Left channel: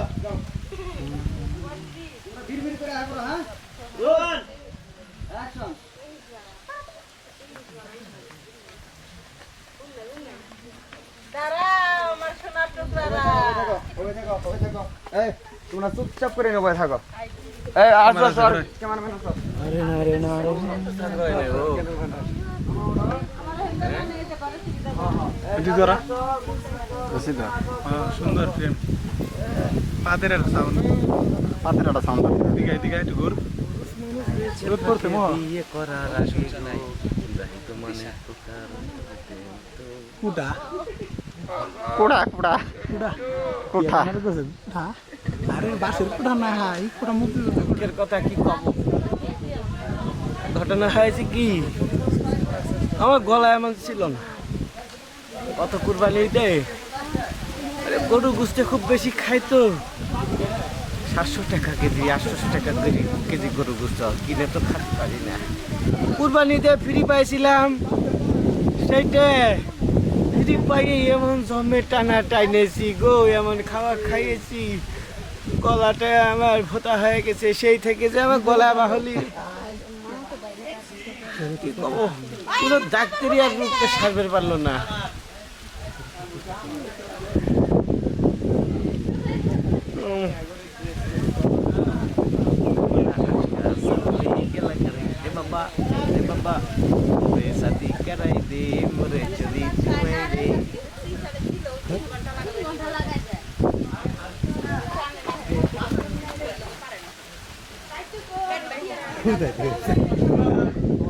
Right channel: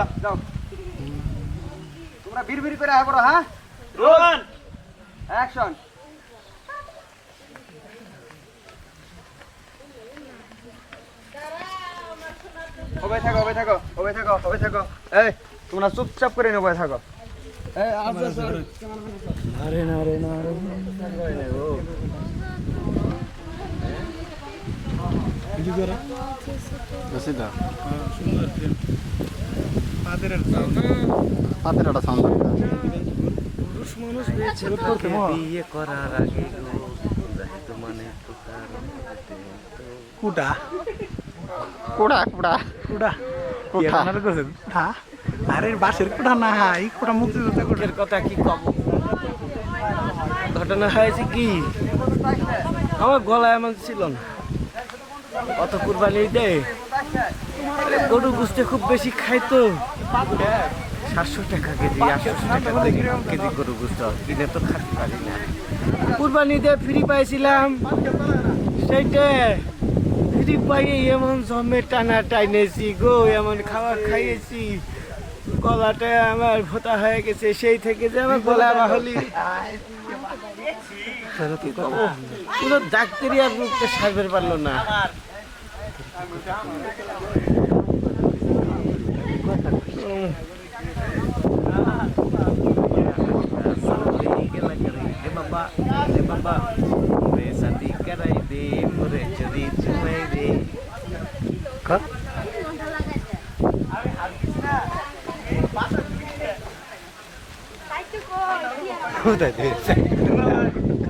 বাবা যাও। তোমরা বিড় বিড় করে আয় পড়ো হ্যাঁ? রোল অ্যাকশন থাকো ওবে থাকো ওবে থাকো ওবে থাকো। এই তোমরা চুপচাপ করে নেব থাকো। আরে না রে না সুন্দর ফ্রেম পাদের সাউন্ড পাতের একটা সাউন্ড এদিকে এদিকে একটু ঘুর রোদ করতে মহা বিয়ে করার আগে বিবাহিত মানে প্রকার কুটা। কুড়া কুড়া। কুটা। কুঠা। আপনারা করছেন? কুঠা? আরে বাসের কুঠা না এই কুঠা মুক্তিযুদ্ধ কুঠা। কথা কি কব? ঘটনা হয়েছে কি? আমার গলায় এমন ছিল না। কত কুরবানি দে আরে গরু গুস্তে খুব বেশি খাই তো। সাতশো টাকা কেজি, আটশোশো টাকা কেজি কেজি গরু গুস্ত কিনে তো খাতে পারি না। দিয়ে ফ্রি পাইছিলাম। সেইটা ফ্রি পাইয়ে এমন জমে টানা টাইনেছি গো, এমন খাওয়া খাইয়েছি। গলাটা আমার ভোতা হয়ে গেছে, সেই থেকে যে আমার গলা বাহলি। কি করব? পুরো ডাক্তারি আর রোগটা সারবে পারল না। উম। এ বাবা এ বাবা রে সাদি করাই দে মোরে চুরি চুমাই দে কোথায়